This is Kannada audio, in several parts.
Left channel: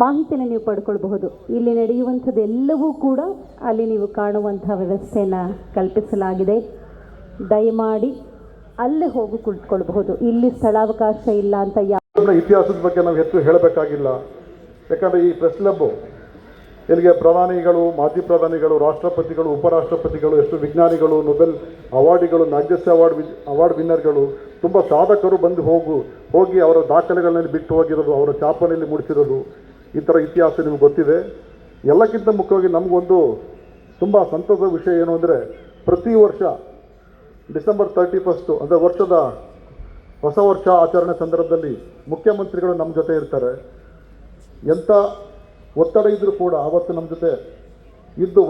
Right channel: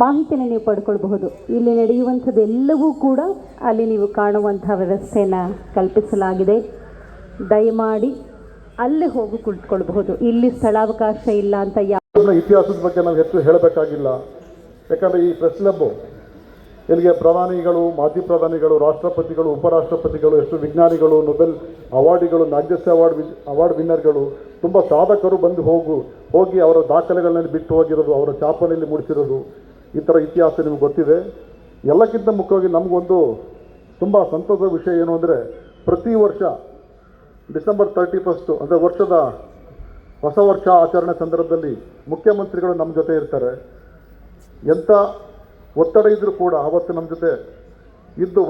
ಮಾಹಿತಿಯನ್ನು ನೀವು ಪಡ್ಕೊಳ್ಬಹುದು. ಇಲ್ಲಿ ನಡೆಯುವಂಥದ್ದೆಲ್ಲವೂ ಕೂಡ ಅಲ್ಲಿ ನೀವು ಕಾಣುವಂಥ ವ್ಯವಸ್ಥೆಯನ್ನು ಕಲ್ಪಿಸಲಾಗಿದೆ. ದಯಮಾಡಿ ಅಲ್ಲಿ ಹೋಗಿ ಕುಳಿತುಕೊಳ್ಬಹುದು. ಇಲ್ಲಿ ಸ್ಥಳಾವಕಾಶ ಇಲ್ಲ ಅಂತ ಇತಿಹಾಸದ ಬಗ್ಗೆ ನಾವು ಹೆಚ್ಚು ಹೇಳಬೇಕಾಗಿಲ್ಲ. ಯಾಕಂದರೆ ಈ ಪ್ರೆಸ್ ಕ್ಲಬ್ ಇಲ್ಲಿಗೆ ಪ್ರಧಾನಿಗಳು, ಮಾಜಿ ಪ್ರಧಾನಿಗಳು, ರಾಷ್ಟ್ರಪತಿಗಳು, ಉಪರಾಷ್ಟ್ರಪತಿಗಳು, ಎಷ್ಟು ವಿಜ್ಞಾನಿಗಳು, ನೊಬೆಲ್ ಅವಾರ್ಡಿಗಳು, ಮ್ಯಾಗ್ಸೆಸೆ ಅವಾರ್ಡ್ ವಿನ್ನರ್ಗಳು, ತುಂಬ ಸಾಧಕರು ಬಂದು ಹೋಗಿ ಅವರ ದಾಖಲೆಗಳಲ್ಲಿ ಬಿಟ್ಟು ಹೋಗಿರೋದು, ಅವರ ಛಾಪನೆಯಲ್ಲಿ ಮೂಡಿಸಿರೋದು, ಈ ಥರ ಇತಿಹಾಸ ನಿಮ್ಗೆ ಗೊತ್ತಿದೆ. ಎಲ್ಲಕ್ಕಿಂತ ಮುಖ್ಯವಾಗಿ ನಮಗೊಂದು ತುಂಬ ಸಂತೋಷದ ವಿಷಯ ಏನು ಅಂದರೆ, ಪ್ರತಿ ವರ್ಷ ಡಿಸೆಂಬರ್ 31 ಅಂದರೆ ವರ್ಷದ ಹೊಸ ವರ್ಷ ಆಚರಣೆ ಸಂದರ್ಭದಲ್ಲಿ ಮುಖ್ಯಮಂತ್ರಿಗಳು ನಮ್ಮ ಜೊತೆ ಇರ್ತಾರೆ. ಎಂಥ ಒತ್ತಡ ಇದ್ದರೂ ಕೂಡ ಆವತ್ತು ನಮ್ಮ ಜೊತೆ ಇದ್ದು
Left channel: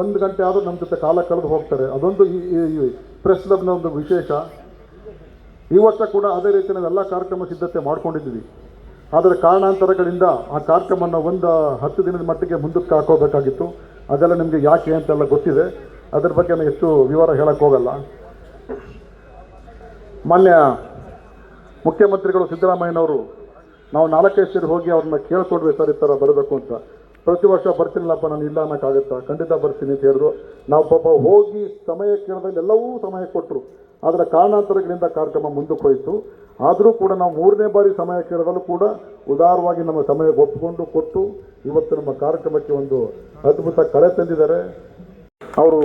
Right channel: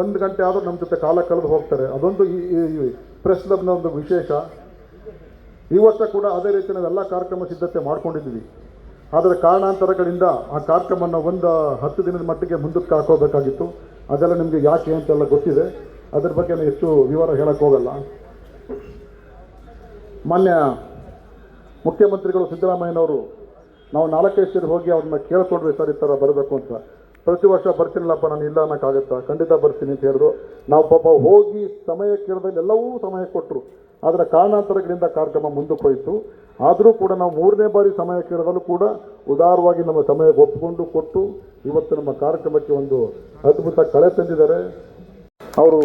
ಒಂದು ಗಂಟೆ ಆದರೂ ನಮ್ಮ ಜೊತೆ ಕಾಲ ಕಳೆದು ಹೋಗ್ತಾರೆ. ಅದೊಂದು ಈ ಪ್ರೆಸ್ ಕ್ಲಬ್ನ ಒಂದು ವಿಶೇಷ. ಈ ವರ್ಷ ಕೂಡ ಅದೇ ರೀತಿ ನಾವೆಲ್ಲ ಕಾರ್ಯಕ್ರಮ ಸಿದ್ಧತೆ ಮಾಡ್ಕೊಂಡಿದ್ದೀವಿ. ಆದರೆ ಕಾರಣಾಂತರಗಳಿಂದ ಆ ಕಾರ್ಯಕ್ರಮವನ್ನು ಒಂದು 10 ದಿನದ ಮಟ್ಟಿಗೆ ಮುಂದಕ್ಕೆ ಹಾಕೋಬೇಕಾಗಿತ್ತು. ಅದೆಲ್ಲ ನಿಮಗೆ ಯಾಕೆ ಅಂತೆಲ್ಲ ಗೊತ್ತಿದೆ. ಅದ್ರ ಬಗ್ಗೆ ನಾನು ಎಷ್ಟು ವಿವರ ಹೇಳಕ್ಕೆ ಹೋಗಲ್ಲ. ಮಾನ್ಯ ಮುಖ್ಯಮಂತ್ರಿಗಳು ಸಿದ್ದರಾಮಯ್ಯನವರು ನಾವು 4-5 ಸೇರಿ ಹೋಗಿ ಅವ್ರನ್ನ ಕೇಳ್ಕೊಡ್ವಿ, ಸರ್ ಈ ಥರ ಬರಬೇಕು ಅಂತ. ಪ್ರತಿ ವರ್ಷ ಬರ್ತೀನಿಲ್ಲಪ್ಪ, ನಾನು ಇಲ್ಲ ಅನ್ನೋಕ್ಕಾಗತ್ತಾ, ಖಂಡಿತ ಬರ್ತೀನಿ ಅಂತ ಹೇಳಿದ್ರು. ನಾವು ಪಾಪ ಹೋಗಿ ಸಮಯ ಕೇಳಿದ್ರೆ ಎಲ್ಲವೂ ಸಮಯ ಕೊಟ್ಟರು. ಆದರೆ ಕಾರಣಾಂತರಗಳಿಂದ ಕಾರ್ಯಕ್ರಮ ಮುಂದಕ್ಕೆ ಹೋಯಿತು. ಆದರೂ ಕೂಡ ನಾವು 3ನೇ ಬಾರಿ ಸಮಯ ಕೇಳಿದಲ್ಲೂ ಕೂಡ ಉದಾರವಾಗಿ ನಮ್ಮ ಸಮಯ ಒಪ್ಪಿಕೊಂಡು ಕೊಟ್ಟು ಇವತ್ತು ನಮ್ಮ ಕಾರ್ಯಕ್ರಮಕ್ಕೆ ಒಂದು ಅದ್ಭುತ ಕಳೆ ತಂದಿದ್ದಾರೆ. ಅವರು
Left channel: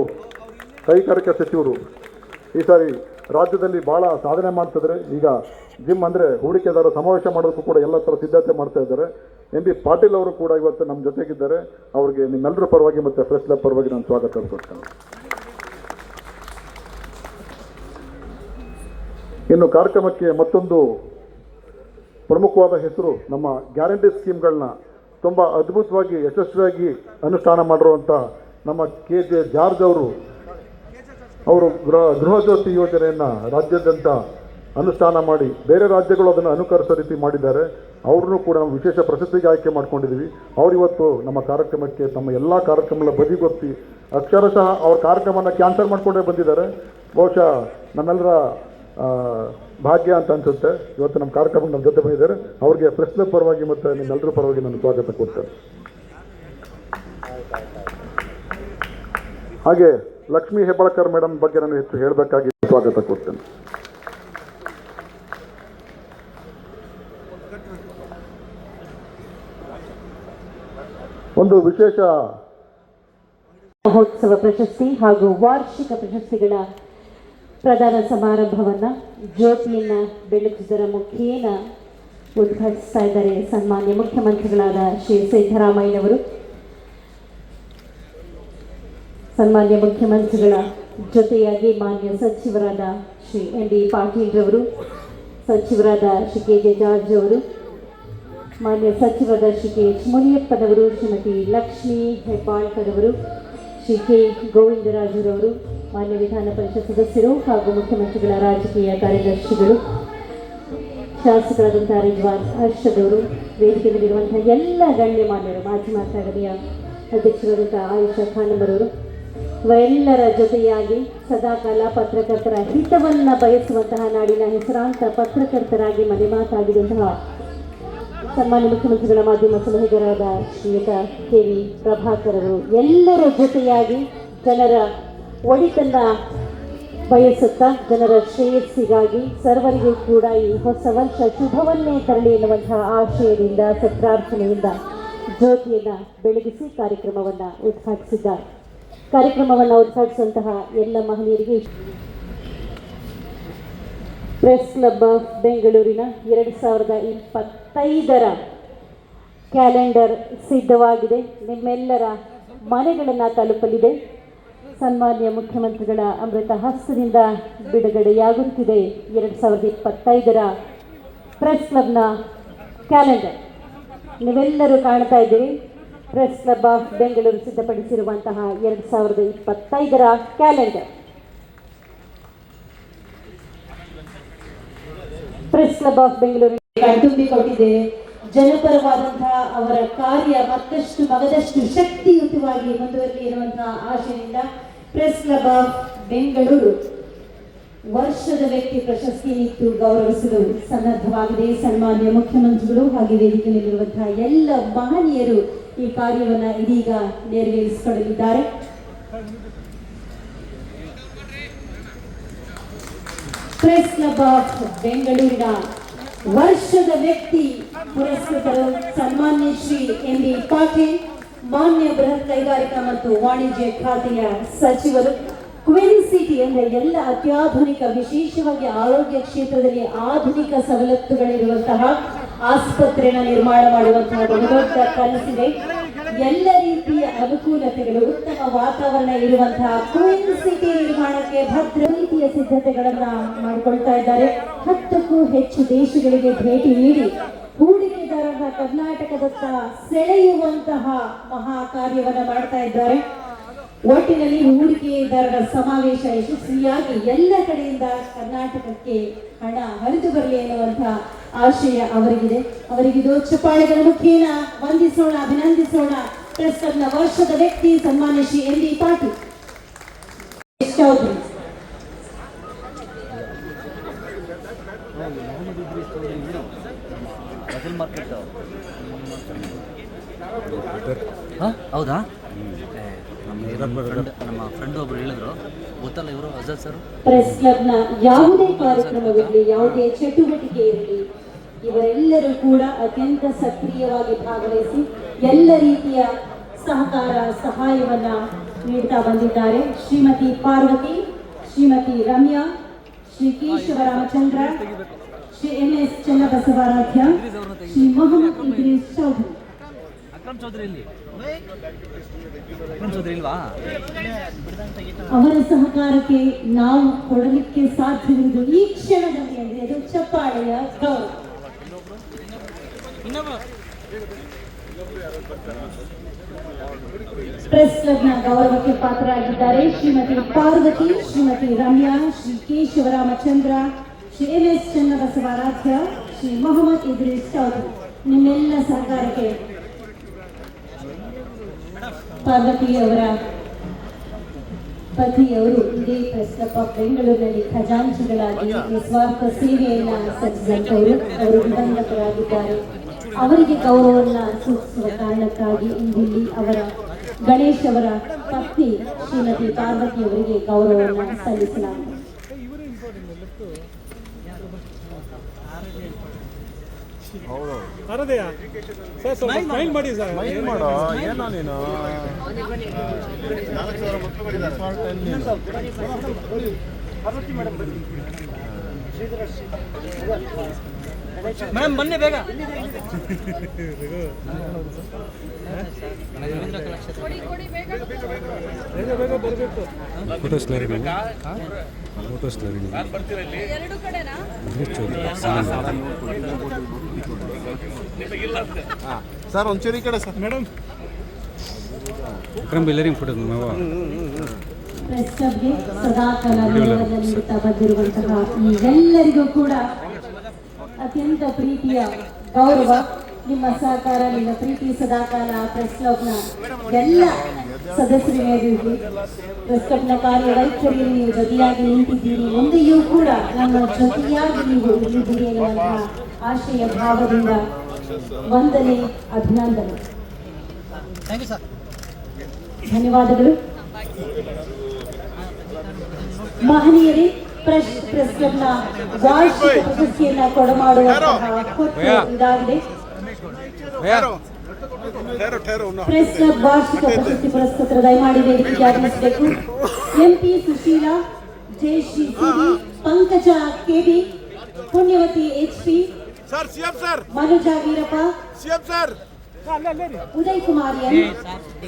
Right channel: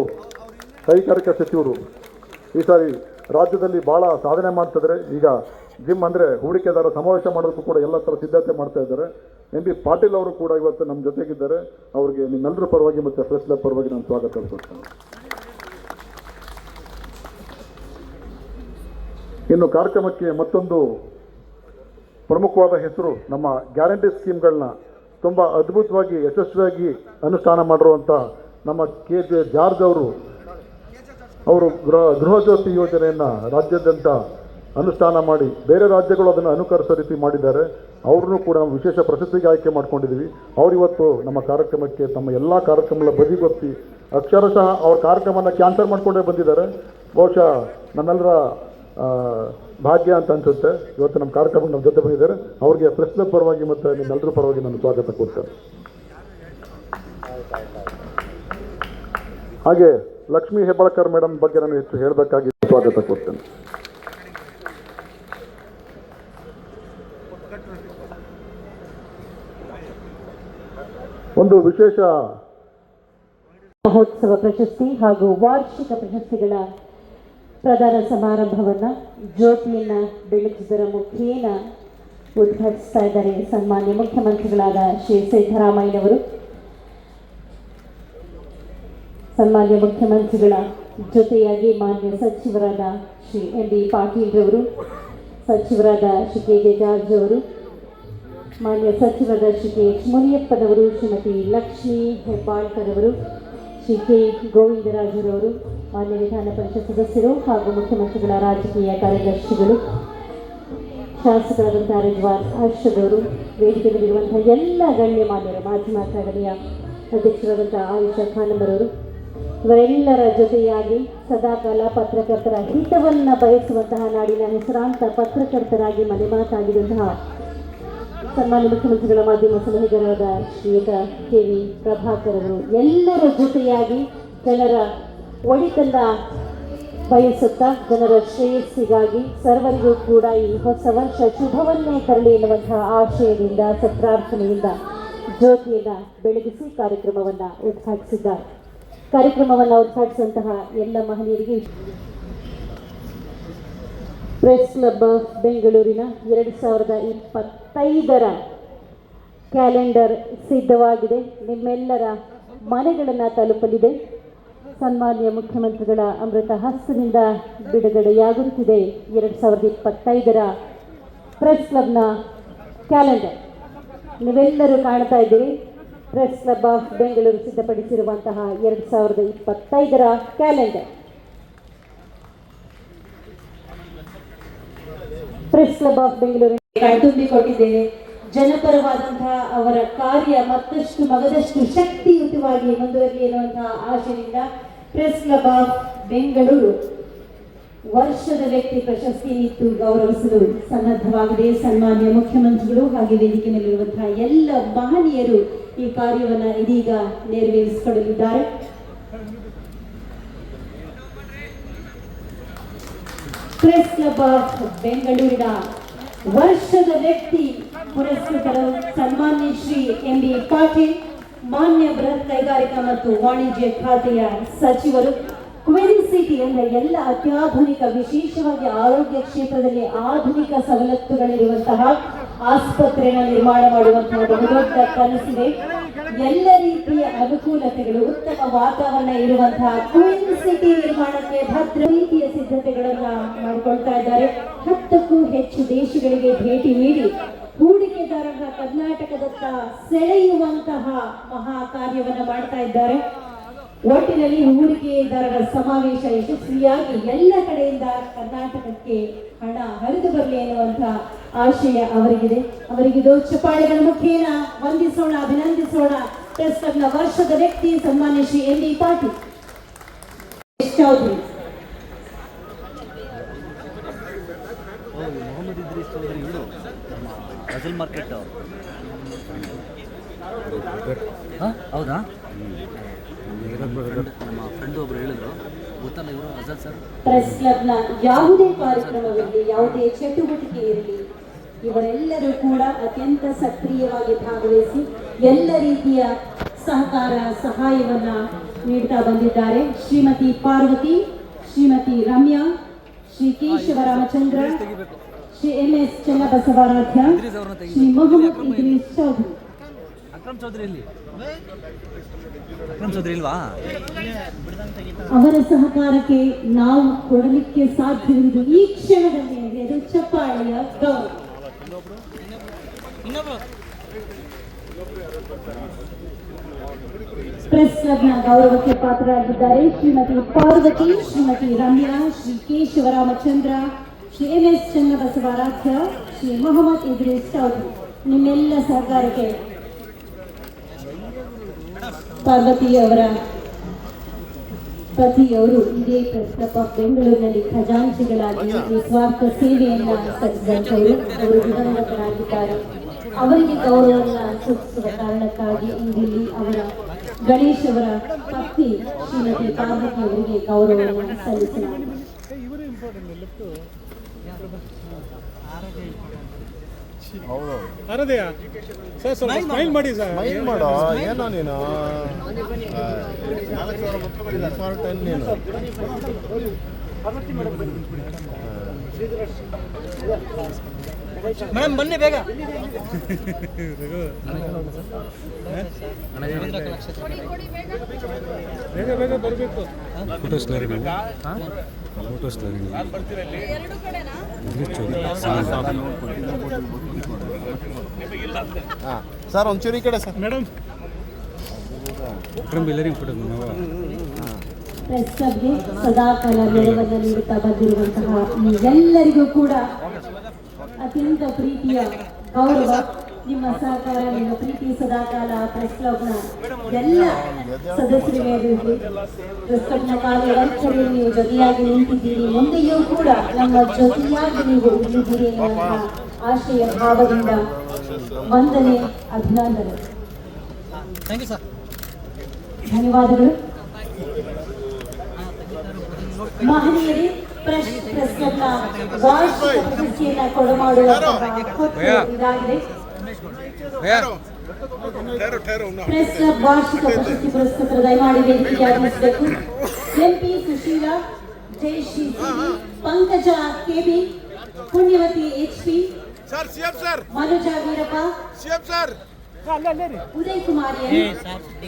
ಕೈಗಾರಿಕಾ ಸಚಿವರು ಈ ಸಾರಿ ರಾಜ್ಯದಲ್ಲಿ ಭಾಳ ಸಾಧನೆ ಮಾಡ್ತಿದ್ದಾರೆ. ಈಗ ಜಿಮ್ ಅಂದರೆ ಹೂಡಿಕೆದಾರ ಸಮಾವೇಶ ಮಾಡೋದಕ್ಕೂ ಕೂಡ ಎಲ್ಲ ಥರ ಸಿದ್ಧತೆ ಮಾಡ್ತಾ ಇದ್ದಾರೆ. ಎಂ ಬಿ ಪಾಟೀಲ್ ಅವರು ಕೂಡ ಇವತ್ತು ನಮ್ಮ ಜೊತೆಗಿದ್ದಾರೆ. ಅವರಿಗೆ ನಿಮ್ಮೆಲ್ಲರ ಪರವಾಗಿ ಮತ್ತು ಪ್ರೆಸ್ ಕ್ಲಬ್ ಪರವಾಗಿ ನಾನು ಸ್ವಾಗತ ಕೊಡ್ತೇನೆ. ಇನ್ನು ಕಾರ್ಯಕ್ರಮಕ್ಕೆ ಮತ್ತೊಂದು ಪ್ರಮುಖವಾದ ಹೆಸರು, ನಮ್ಮ ಗ್ಯಾರಂಟಿ ಸ್ಕೀಮ್ಗಳನ್ನ ತುಂಬ ಅದ್ಭುತವಾಗಿ ಯಶಸ್ವಿಯಾಗಿ ಅನುಷ್ಠಾನ ಮಾಡಿರುವಂಥ ನಮ್ಮ KJ ಜಾರ್ಜ್ ಅವರು ಗೃಹಜ್ಯೋತಿ ಯೋಜನೆಯನ್ನು ರಾಜ್ಯಾದ್ಯಂತ ಅನುಷ್ಠಾನ ಮಾಡಿ ಬೇರೆ ರಾಜ್ಯಗಳು ಅದನ್ನು ಅನುಕರಿಸೋ ರೀತಿ ಮಾಡಿದ್ದಾರೆ. ಅವ್ರನ್ನೂ ಕೂಡ ವಿಶೇಷ ಪ್ರಶಸ್ತಿಗೆ ಆಯ್ಕೆ ಮಾಡ್ಕೊಂಡಿದ್ದೀವಿ. ಅವರಿವತ್ತು ನಮ್ಮ ಕಾರ್ಯಕ್ರಮಕ್ಕೆ ತಮ್ಮ ಎಲ್ಲ ಕಾರ್ಯಕ್ರಮಗಳ ಬದಿಗೊತ್ತಿ ಅಕ್ಷರಶಃ ಅವ್ರ ಕಾರ್ಯಕ್ರಮನ ಕ್ಯಾನ್ಸಲ್ ಮಾಡಿಕೊಂಡೇ ಬಂದಿದ್ದಾರೆ. ಬಹುಶಃ ನಮ್ಮೆಲ್ಲರ ಭಾಗ್ಯ ಅಂತ ಅನಿಸುತ್ತೆ. ಇವತ್ತು ನಮ್ಮ ಕಾರ್ಯಕ್ರಮ ನಮ್ಮ ಜೊತೆ ಬಂದಿದ್ದಾರೆ. ಅವರಿಗೆ ಪ್ರೆಸ್ ಕ್ಲಬ್ ಪರವಾಗಿ ಮತ್ತು ನಿಮ್ಮೆಲ್ಲರ ಪರವಾಗಿ ನಾನು ಸ್ವಾಗತ ಕೊಡ್ತೇನೆ. ಹಾಗೆ ಲಕ್ಷ್ಮೀ ಹೆಬ್ಬಾಳ್ಕರ್ ಮೇಡಮ್ ಬಗ್ಗೆ ನಾನು ಹೆಚ್ಚು ಹೇಳಬೇಕಾಗಿ ಸ್ವಾಗತ ಕೊಡ್ತೇನೆ. ಒಂದು ವಿಶೇಷ ಮಹೋತ್ಸವ ಪ್ರಶಸ್ತಿ ಹಾಗೂ ವಾರ್ಷಿಕ ಪ್ರಶಸ್ತಿಗಳ ಪ್ರದಾನ ಸಮಾರಂಭವನ್ನು ಜ್ಯೋತಿಯನ್ನು ಬೆಳಕಿದರ ಮುಖೇನ ಉದ್ಘಾಟಿಸ್ತಾ ಇದ್ದಾರೆ ಸನ್ಮಾನ್ಯ ಮುಖ್ಯಮಂತ್ರಿಗಳಾದ ಶ್ರೀ ಸಿದ್ದರಾಮಯ್ಯನವರು. ಸನ್ಮಾನ್ಯ ಮುಖ್ಯಮಂತ್ರಿಗಳ ಜೊತೆಯಾಗಿ ಮಾನ್ಯ ಸಚಿವರಾದ ಶ್ರೀ MB ಪಾಟೀಲ್ ರವರು, ಸಚಿವರಾದ ಶ್ರೀ KJ ಜಾರ್ಜ್ ಅವರು, ಮಾನ್ಯ ಸಚಿವರಾದ ಶ್ರೀ KH ಮುನಿಯಪ್ಪನವರು, ಶ್ರೀಮತಿ ಲಕ್ಷ್ಮೀ ಹೆಬ್ಬಾಳ್ಕರ್ ಅವರು, ಶ್ರೀ K ಗೋವಿಂದರಾಜರವರು, ಮಾನ್ಯ ವಿಧಾನ ಪರಿಷತ್ ಸದಸ್ಯರು ಹಾಗೂ ಮುಖ್ಯಮಂತ್ರಿಗಳ ರಾಜಕೀಯ ಕಾರ್ಯದರ್ಶಿಗಳು, ಶಾಸಕರಾದಂಥ ರಿಜ್ವಾನ್ ಅರ್ಷದವರು, ವೇದಿಕೆಯಲ್ಲಿರುವಂತಹ ಎಲ್ಲ ಗಣ್ಯಮಾನ್ಯರು, ಮಾಧ್ಯಮ ಅಕಾಡೆಮಿಯ ಅಧ್ಯಕ್ಷರಾದಂಥ ಆಯುಷಾ ಖಾನಂಬರವರು, ಇವರೆಲ್ಲರ ಜೊತೆಯಾಗಿ ಸದಾಕಾಲ ಪತ್ರಕರ್ತರ ಹಿತವನ್ನು ಬಯಸುವಂತಹ ನಾಡಿನ ಹೆಸರಾಂತ ಪತ್ರಕರ್ತರಾಗಿ ಮನೆ ಮಾತಾಡಿದಂತಹ ಸನ್ಮಾನ್ಯ ಮುಖ್ಯಮಂತ್ರಿಗಳ ಮಾಧ್ಯಮ ಸಲಹೆಗಾರರಾದ ಶ್ರೀಯುತ ಕೆ ವಿ ಪ್ರಭಾಕರ್ ಅವರು ಎಲ್ಲರ ಜೊತೆಯಾಗಿ ಜನರ ಒಳಿತನ್ನ ಬಯಸುತ್ತಾ ಜನರ ಶ್ರೇಯಸ್ಸಿಗಾಗಿ ಸರ್ವರಿಗೂ ಕೂಡ ಈ ಹೊಸ ವರ್ಷ ಶುಭವನ್ನೇ ತರಲಿ ಎನ್ನುವಂತಹ ಆಶಯದಿಂದ ಸತ್ಪ್ರಾರ್ಥನೆಯಿಂದ ಜ್ಯೋತಿಯನ್ನು ಬೆಳಗಿಸಿ ಕಾರ್ಯಕ್ರಮವನ್ನು ಉದ್ಘಾಟಿಸಿದ್ದಾರೆ. ಕಾರ್ಯಕ್ರಮವನ್ನು ಉದ್ಘಾಟಿಸಿದಂತಹ ಎಲ್ಲ ಮಹನೀಯರಿಗೆ ಪ್ರೆಸ್ ಕ್ಲಬ್ ಆಫ್ ಬೆಂಗಳೂರಿನ 2025ರ ಕ್ಯಾಲೆಂಡರ್ ಸಿದ್ಧವಾಗಿದೆ. ನಿಮ್ಮೆಲ್ಲರ ಮನೆಗಳನ್ನು ತಲುಪಲಿದೆ. ಸನ್ಮಾನ್ಯ ಮುಖ್ಯಮಂತ್ರಿಗಳ ಅಮೃತ ಹಸ್ತದಿಂದ ಬಿಡುಗಡೆಯಾಗುತ್ತಿದೆ 2025ರ ಪ್ರೆಸ್ ಕ್ಲಬ್ನ ಕ್ಯಾಲೆಂಡರ್. ನೀವೆಲ್ಲರೂ ಕಾಣ್ತಾ ಇದ್ದೀರಿ, ಪ್ರೆಸ್ ಕ್ಲಬ್ ಆಫ್ ಬೆಂಗಳೂರು ಸಿದ್ಧಪಡಿಸಿರುವಂತಹ 2025ರ calendar. Press club of Bengaluru ಕಣ್ತುಂಬಿಕೊಂಡಿದ್ದೇವೆ. ಜನಪರವಾದಂತಹ ಅವರ ಕಾರ್ಯ ಮತ್ತಷ್ಟು ಮಗದಷ್ಟು ಶಕ್ತಿಯುತವಾಗಿ ಮುಂದುವರಿಲಿ ಎನ್ನುವಂತಹ ಆಶೆಯಿಂದ ಪ್ರೆಸ್ ಕ್ಲಬ್ ಆಫ್ ಬೆಂಗಳೂರು ವರ್ಷದ ವ್ಯಕ್ತಿ ಪ್ರಶಸ್ತಿ ನೀಡಿ ಗೌರವಿಸಲು ಸನ್ನದ್ಧವಾಗಿದೆ. ಸನ್ಮಾನ್ಯ ಮುಖ್ಯಮಂತ್ರಿಗಳು ಹಾಗೆ ವೇದಿಕೆಯಲ್ಲಿರುವಂತಹ ಎಲ್ಲ ಮಹನೀಯರು ಈ ಕಾರ್ಯವನ್ನು ಇದೀಗ ನೆರವೇರಿಸಿಕೊಳ್ಳಲಿದ್ದಾರೆ. ಪ್ರೆಸ್ ಕ್ಲಬ್ ಆಫ್ ಬೆಂಗಳೂರಿನ ವರ್ಷದ ವ್ಯಕ್ತಿ ಪುರಸ್ಕೃತರು ಸನ್ಮಾನ್ಯ ಶ್ರೀ ಎಂ.ಬಿ. ಪಾಟೀಲ್, ಮಾನ್ಯ ಬೃಹತ್ ಕೈಗಾರಿಕಾ ಮತ್ತು ವಾಣಿಜ್ಯ ಖಾತೆಯ ಸಚಿವರು. ಕ್ವೀನ್ ಸಿಟಿ ಅಂದರೆ ಎಲ್ಲ ಅತ್ಯಾಧುನಿಕ, ವಿಶೇಷವಾಗಿ ಆರೋಗ್ಯ ಕ್ಷೇತ್ರದಲ್ಲಿ ಆಧುನಿಕ ಸವಲತ್ತುಗಳಿರುವಂತಹ ಆಸ್ಪತ್ರೆನ ನಿರ್ಮಾಣ ಮಾಡುವಂತಹ ಬಹುದೊಡ್ಡ ಕನಸಿದೆ. ಎಲ್ಲ ರೀತಿಯ ಅನುಕೂಲತೆಗಳು, ಉತ್ತಮ ವಾತಾವರಣ ಇರುವಂತಹ ಕ್ವೀನ್ ಸಿಟಿ ನಿರ್ಮಾಣಕ್ಕೆ ಭದ್ರ ರೀತಿಯ ಸಿದ್ಧತೆಗಳನ್ನ ಮಾಡಿಕೊಳ್ತಾ ಇದ್ದಾರೆ. 10ಕ್ಕೂ ಹೆಚ್ಚು ದೇಶಗಳಿಗೆ ಭೇಟಿ ನೀಡಿ ಹೂಡಿಕೆದಾರರ ಕರ್ನಾಟಕದತ್ತ ಸೆಳೆಯುವಂತಹ ಮಹಾ ಕಾರ್ಯವನ್ನು ಮಾಡ್ತಾ ಇದ್ದಾರೆ. ಒಟ್ಟಿನಲ್ಲಿ ಹೂಡಿಕೆದಾರರ ಸಮಾವೇಶ ಯಶಸ್ವಿಯಾಗಿ ಎಲ್ಲ ಕಡೆಯಿಂದ ಕರ್ನಾಟಕಕ್ಕೆ ಹಣ ಹರಿದು ಬರಲಿ ಎನ್ನುವಂತಹ ಆಶಯ ಅವರಿಗಿದೆ. ಅವರಿಗಿದು ಚಪ್ಪಾಳೆಗಳ ಮುಖೇನ ವಂದಿಸೋಣ, ಅಭಿನಂದಿಸೋಣ. ಪ್ರೆಸ್ ಕ್ಲಬ್ನ ವರ್ಷದ ವ್ಯಕ್ತಿ ಸನ್ಮಾನ್ಯ ಶ್ರೀ ಎಂ.ಬಿ. ಪಾಟೀಲ್. ಹೌದಾ? ನಮ್ಮ ಫ್ರೆಂಡ್ ಒಬ್ರು ಹೇಳಿದ್ರು, ಗೊತ್ತಲ್ಲ ಇವರು ಅಜಾದ್ ಸರ್. ಪ್ರೆಸ್ ಕ್ಲಬ್ನ ಯಾವುದೇ ಕಾರ್ಯಕ್ರಮವಿರಲಿ, ಯಾವುದೇ ಚಟುವಟಿಕೆ ಇರಲಿ, ಇವರೆಲ್ಲರೂ ಕೂಡ ಅತ್ಯಂತ ಸಕ್ರಿಯವಾಗಿ ಭಾಗವಹಿಸಿ ಎಲ್ಲ ರೀತಿಯ ಸಹಕಾರ ಸಹಾಯವನ್ನ ನೀಡ್ತಾ ಬಂದಿದ್ದಾರೆ. ಶ್ರೀಮತಿ ಪಾರ್ವತಿ, ಶ್ರೀಮತಿ ರಮ್ಯಾ, ಶ್ರೀ ಕೇಶವರಾಮಚಂದ್ರ, ಶ್ರೀ ಎಂ.ಎಸ್. ಚನ್ನಬಸವರಾಧ್ಯ, ಶ್ರೀ ಮೊಹಮ್ಮದ್ ಇದ್ರೀಸ್ ಚೌಧರಿ. ಅಕ್ರಮ್ ಚೌಧರಿ ಇಲ್ವಾ? ಅವರ ಸಹಕಾರಕ್ಕೆ ನಾವು ಕೊಡಲಿಕ್ಕೆ ಸಾಧ್ಯವಿರುವುದು ಈ ಕ್ಷಣದಲ್ಲಿ ಅಂದರೆ ಅದು ಚಪ್ಪಾಳೆಯ ಗೌರವ. ಪ್ರೆಸ್ ಕ್ಲಬ್ನ ಗೌರವಕ್ಕೆ ಪಾತ್ರರಾಗಿದ್ದಾರೆ ಶ್ರೀಮತಿ ಪಾರ್ವತಿ, ಶ್ರೀಮತಿ ರಮ್ಯಾ, ಶ್ರೀ ಕೇಶವರಾಮಚಂದ್ರ, ಶ್ರೀ ಎಂ.ಎಸ್. ಚನ್ನಬಸವರಾಧ್ಯ, ಶ್ರೀ ಮೊಹಮ್ಮದ್ ಇದ್ರೀಸ್ ಚೌಧರಿ. ನಿಮ್ಮೆಲ್ಲ ಸಹಕಾರಕ್ಕೆ ಪಾರ್ವತಿಯವರ ಪತಿಯವರು ಇದೇ ಪ್ರೆಸ್ ಕ್ಲಬ್ ಆಫ್ ಬೆಂಗಳೂರಿನಲ್ಲಿ ಖಜಾಂಚಿಗಳಾಗಿ ನಿಸ್ವಾರ್ಥ ಸೇವೆಯನ್ನ ಸಲ್ಲಿಸಿದಂತವರು. ಅವರು ದಿವಂಗತರಾಗಿದ್ದಾರೆ. ಅವರಿಗೆ ಗೌರವವನ್ನು ಸೂಚಿಸುವ ಕಾರಣಕ್ಕಾಗಿ ಇಂದಿಲ್ಲಿ ಅವರ ಗಣೇಶ್ ಅವರ ಪತ್ನಿ ಶ್ರೀಮತಿ ಪಾರ್ವತಿ ಅವರಿಗೆ ಗೌರವವನ್ನು ಸಲ್ಲಿಸಲಾಗಿದೆ. ಮೇಡಮ್ ಬನ್ನಿ ಬೇಗ. ಫೋಟೋಸ್ ಸರ್ ಒಂಚೂರು ಈ ಕಡೆ ಸರ್. ಮೇಡಮ್ ಪ್ರೆಸ್ ಕ್ಲಬ್ಗೆ ಸದಾ ಕಾಲ ಗೌರವವನ್ನು ನೀಡುತ್ತಾ ಬಂದಿರುವಂತಹ ಈ ಎಲ್ಲರಿಗೂ ಕೂಡ ಅತ್ಯಂತ ಪ್ರೀತಿಯ ಗೌರವ ನಿಮ್ಮ ಸಹಕಾರ, ನಿಮ್ಮ ಪ್ರೀತಿ ಸದಾಕಾಲ ಪ್ರೆಸ್ ಕ್ಲಬ್ನ ಎಲ್ಲ ಸದಸ್ಯರಿಗೆ ಪ್ರೆಸ್ ಕ್ಲಬ್ನ ಕಾರ್ಯವೈಖರಿ ನೀವು ಜೊತೆಯಾಗಿ ನಿಂತಿದ್ದೀರಿ, ಮುಂದೆಯೂ ಕೂಡ ನಮ್ಮ ಜೊತೆಯಾಗಿ ನೀವು ಇಲ್ಲಿದ್ದೀರಿ ಎನ್ನುವಂತಹ ಆಶಯ ಭಾವದಿಂದ ವಂದನೆ, ಅಭಿನಂದನೆ. Thank you sir. ಧನ್ಯವಾದಗಳು. ಮಹನೀಯರೇ, ಪ್ರೆಸ್ ಕ್ಲಬ್ನ ವಾರ್ಷಿಕ ಪ್ರಶಸ್ತಿಯನ್ನು ಕೊಡಮಾಡುವಂತಹ ಇದಾಗಿದೆ. ಪ್ರೆಸ್ ಕ್ಲಬ್ ವಾರ್ಷಿಕ ಪ್ರಶಸ್ತಿ ಪುರಸ್ಕೃತರ ದಯಮಾಡಿ ವೇದಿಕೆಗೆ ಆಗಮಿಸಬೇಕು. MP Sushila, Jayashree CB, Pankaja KB, Punyavathi HP, Manuja Veerappa, Uday Kumar N,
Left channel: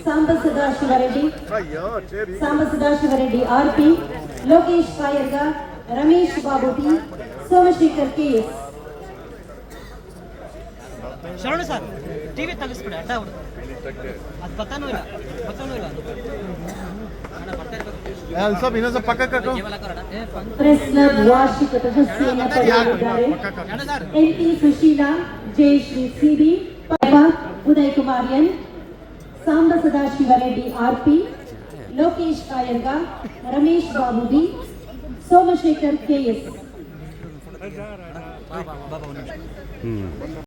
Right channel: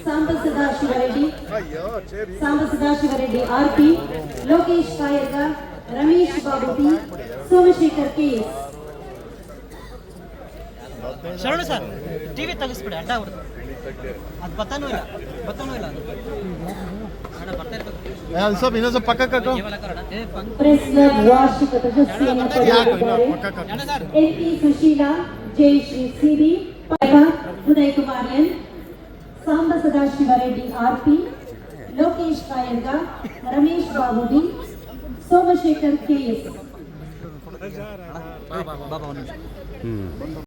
Samba Sadashivareddy RP, Lokesh Kayarga, Ramesh Babu P, Somashekhar KS. Sharana sir, TV ತಗಿಸ್ಬಿಡಿ, ಅಡ್ಡ ಅವ್ರು ಅದು ಬತ್ತಾನೂ ಇಲ್ಲ. ಪ್ರೆಸ್ ಕ್ಲಬ್ ವಾರ್ಷಿಕ ಪ್ರಶಸ್ತಿಯನ್ನು ಪಡೆದಿದ್ದಾರೆ MP Sushila, Jayashree CB, Uday Kumar N, Samba Sadashivareddy RP, Lokesh Kayanga, Ramesh Babu D, Somashekhar KS. ಬಾಬಾ ಒಂದು ನಿಮಿಷ.